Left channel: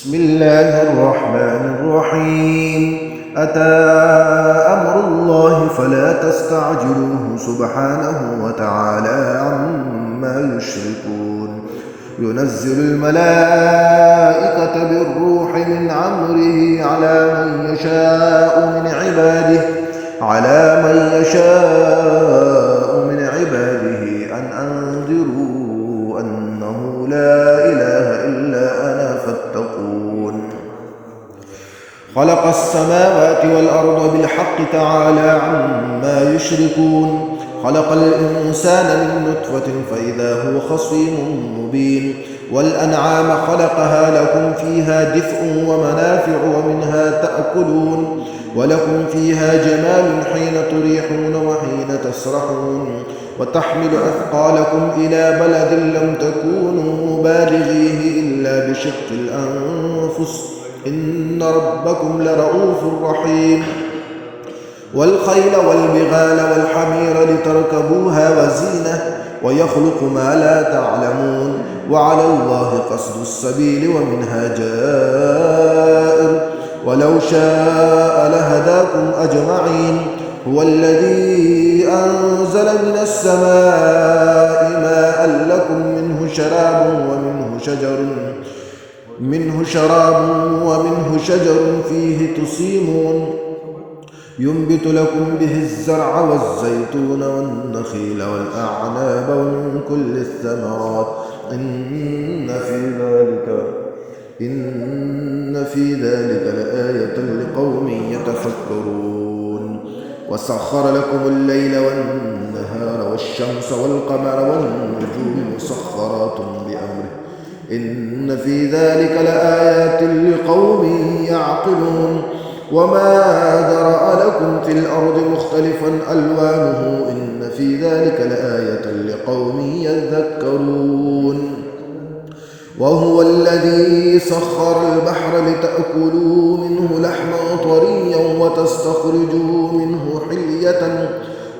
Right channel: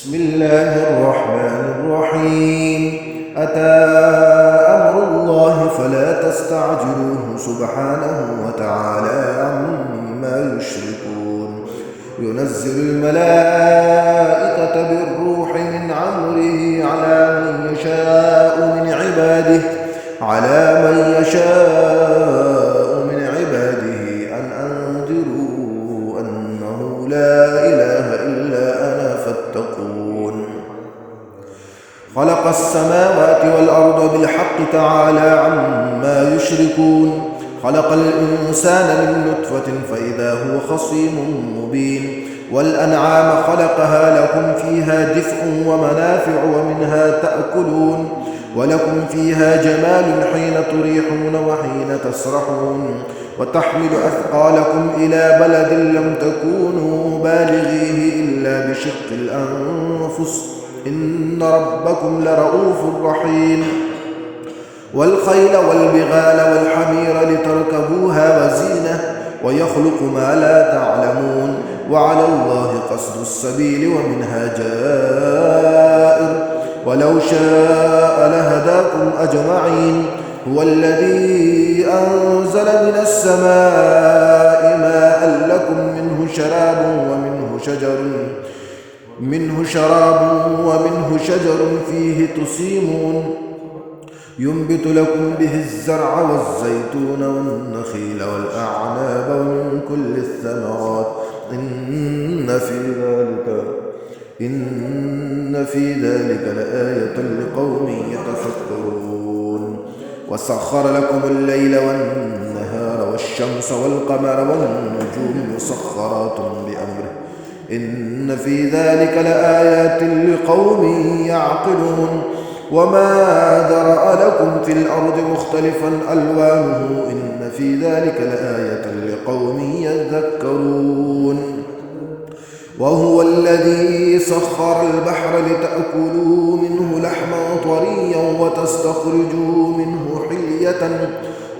بسم الله الرحمن الرحيم. أتى أمر الله فلا تستعجلوه سبحانه وتعالى عما يشركون. ينزل الملائكة بالروح من أمره على من يشاء من عباده أن أنذروا أنه لا إله إلا أنا فاتقون. خلق السماوات والأرض بالحق تعالى عما يشركون. خلق الإنسان من نطفة فإذا هو خصيم مبين. والأنعام خلقها لكم فيها دفء ومنافع ومنها تأكلون ولكم فيها جمال حين تريحون وحين تسرحون وتحمل أثقالكم إلى بلد لم تكونوا بالغيه إلا بشق الأنفس إن ربكم لرؤوف رحيم. والخيل والبغال والحمير لتركبوها وزينة ويخلق ما لا تعلمون وعلى الله قصد السبيل ومنها جائر ولو شاء لهداكم أجمعين. هو الذي أنزل من السماء ماء لكم منه شراب ومنه شجر فيه تسيمون ينبت لكم به الزرع والزيتون والنخيل والأعناب ومن كل الثمرات إن في ذلك لآية لقوم يتفكرون. وسخر لكم الليل والنهار والشمس والقمر والنجوم مسخرات بأمره إن في ذلك لآيات لقوم يعقلون. وما ذرأ لكم في الأرض مختلفا ألوانه إن في ذلك لآية لقوم يذكرون. وهو الذي سخر البحر لتأكلوا منه لحما طريا وتستخرجوا منه حلية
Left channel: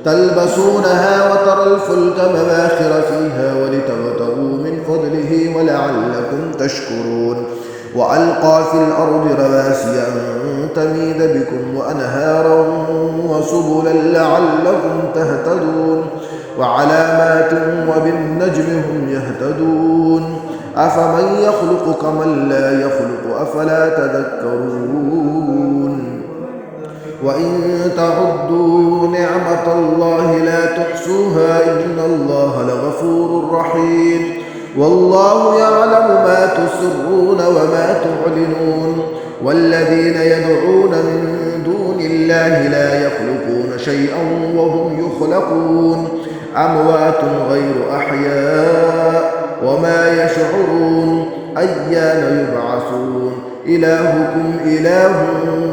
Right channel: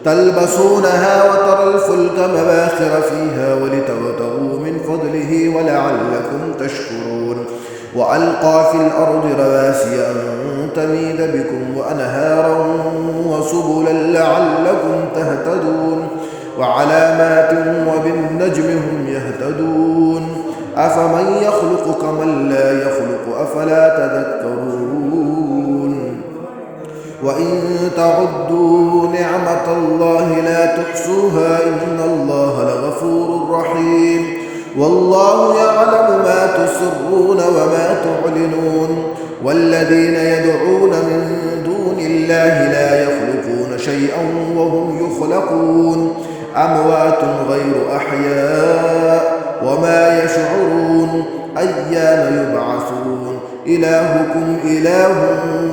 تلبسونها وترى الفلك مباخر فيها ولتبتغوا من فضله ولعلكم تشكرون. وألقى في الأرض رواسي أن تميد بكم وأنهارا وسبلا لعلكم تهتدون وعلامات وبالنجم هم يهتدون. أفمن يخلق كمن لا يخلق أفلا تذكرون. وإن تعدوا نعمة الله لا تحصوها إن الله لغفور رحيم. والله يعلم ما تسرون وما تعلنون. والذين يدعون من دون الله لا يخلقون شيئا وهم يخلقون أموات غير أحياء وما يشعرون أيان يبعثون. إلهكم إله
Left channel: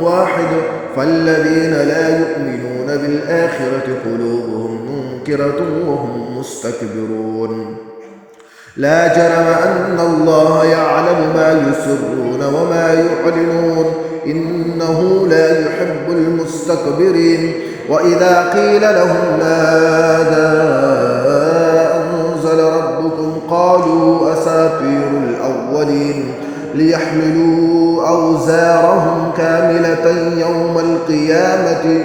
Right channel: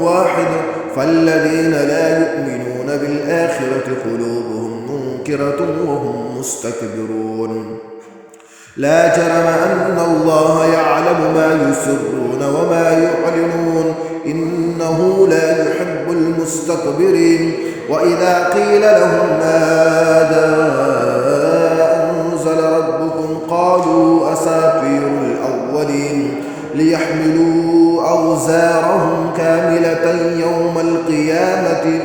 واحد فالذين لا يؤمنون بالآخرة قلوبهم منكرة وهم مستكبرون. لا جرم أن الله يعلم ما يسرون وما يعلنون إنه لا يحب المستكبرين. وإذا قيل لهم ماذا أنزل ربكم قالوا أساطير الأولين ليحملوا أوزارهم كاملة يوم القيامة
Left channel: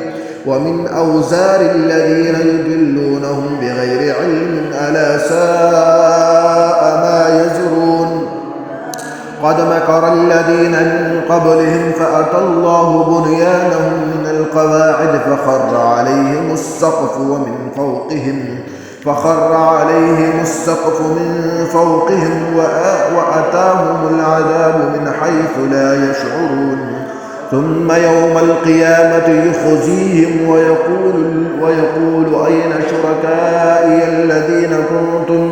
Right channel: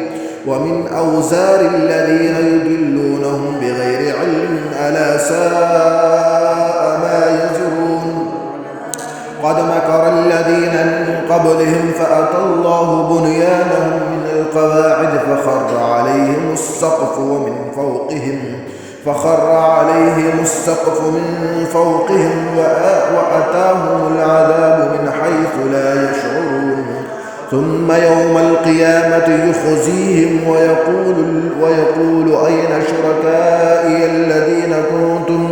ومن أوزار الذين يضلونهم بغير علم ألا ساء ما يزرون. قد مكر الذين من قبلهم فأتى الله بنيانهم من القواعد فخر عليهم السقف من فوقهم وأتاهم العذاب من حيث لا يشعرون. ثم يوم القيامة يخزيهم ويقول أين شركائي الذين كنتم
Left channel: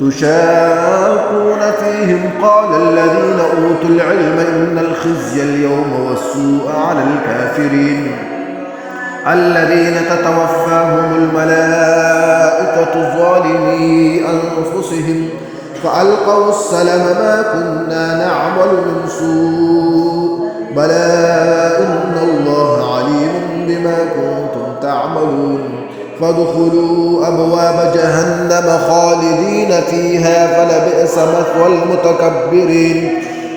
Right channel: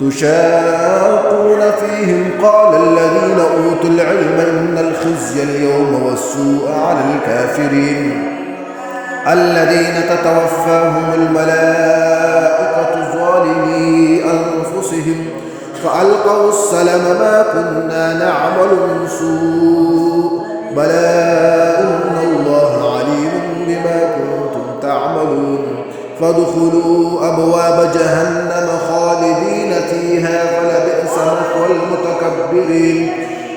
تشاقون فيهم قال الذين أوتوا العلم إن الخزي اليوم والسوء على الكافرين الذين تتوفاهم الملائكة ظالمي أنفسهم فألقوا السلم ما كنا نعمل من سوء بلى إن الله عليم بما كنتم تعملون. فادخلوا أبواب جهنم خالدين فيها فلبئس مثوى المتكبرين.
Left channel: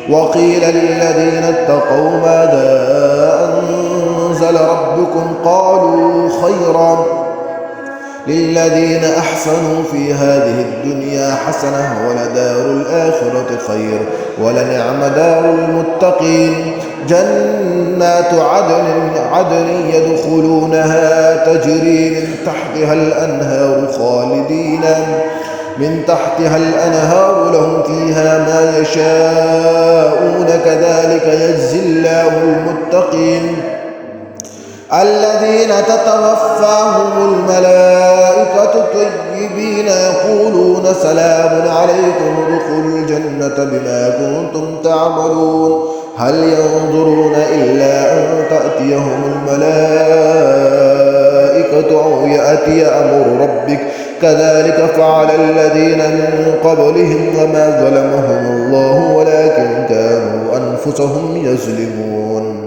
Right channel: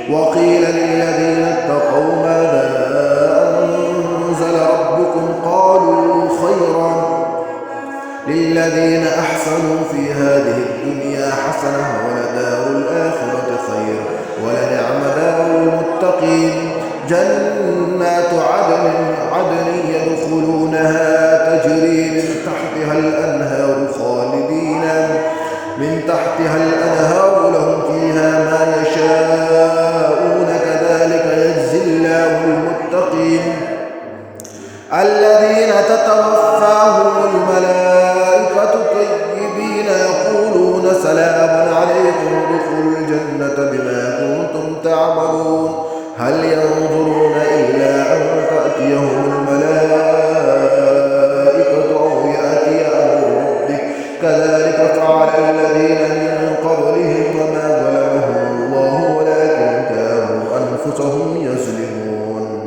وقيل للذين اتقوا ماذا أنزل ربكم قالوا خيرا للذين أحسنوا في هذه الدنيا حسنة ولدار الآخرة خير ولنعم دار المتقين جنات عدن يدخلونها تجري من تحتها الأنهار لهم فيها ما يشاءون كذلك يجزي الله المتقين الذين تتوفاهم الملائكة طيبين يقولون سلام عليكم ادخلوا الجنة بما كنتم تعملون هل ينظرون إلا أن تأتيهم الملائكة أو يأتي أمر ربك كذلك فعل الذين من قبلهم وما ظلمهم الله ولكن كانوا أنفسهم يظلمون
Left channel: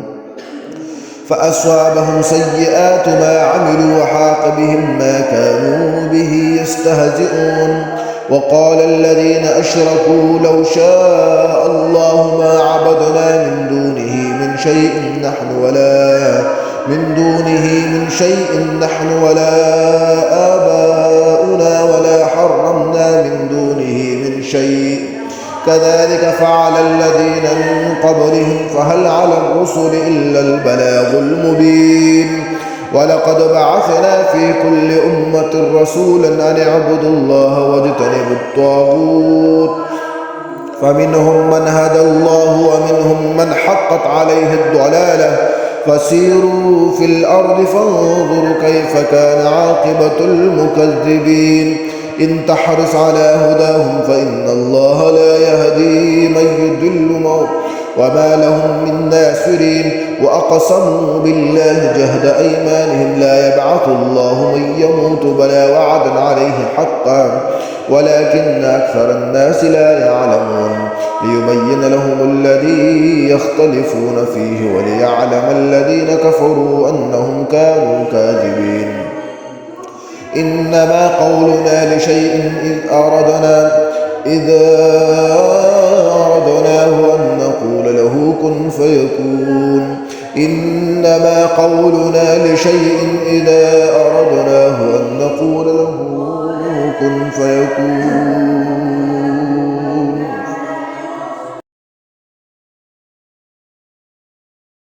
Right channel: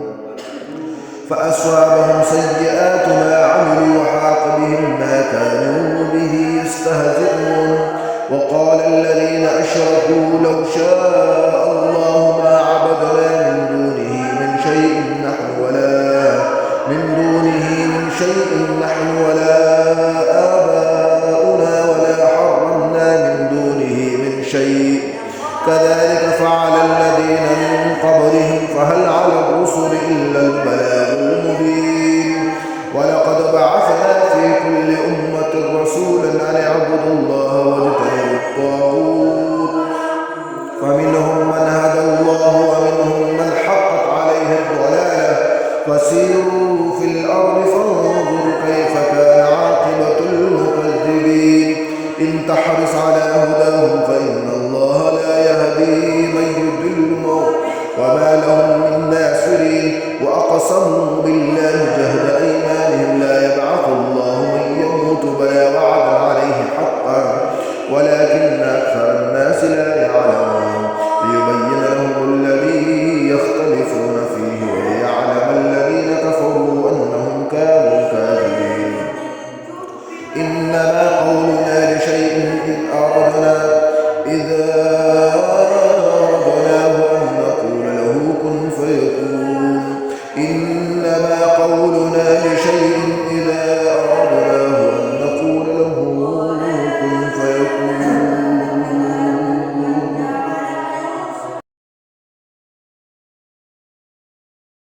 فأصابهم سيئات ما عملوا وحاق بهم ما كانوا به يستهزئون وقال الذين أشركوا لو شاء الله ما عبدنا من دونه من شيء نحن ولا آباؤنا ولا حرمنا من دونه من شيء كذلك فعل الذين من قبلهم فهل على الرسل إلا البلاغ المبين ولقد بعثنا في كل أمة رسولا أن اعبدوا الله واجتنبوا الطاغوت فمنهم من هدى الله ومنهم من حقت عليه الضلالة فسيروا في الأرض فانظروا كيف كان عاقبة المكذبين إن تحرص على هداهم فإن الله لا يهدي من يضل وما لهم من ناصرين وأقسموا بالله جهد أيمانهم لا يبعث الله من يموت بلى وعدا عليه حقا ولكن أكثر الناس لا يعلمون ليبين لهم الذي يختلفون فيه وليعلم الذين كفروا أنهم كانوا كاذبين إنما قولنا لشيء إذا أردناه أن نقول له كن فيكون إنما قولنا لشيء إذا أردناه أن نقول له كن فيكون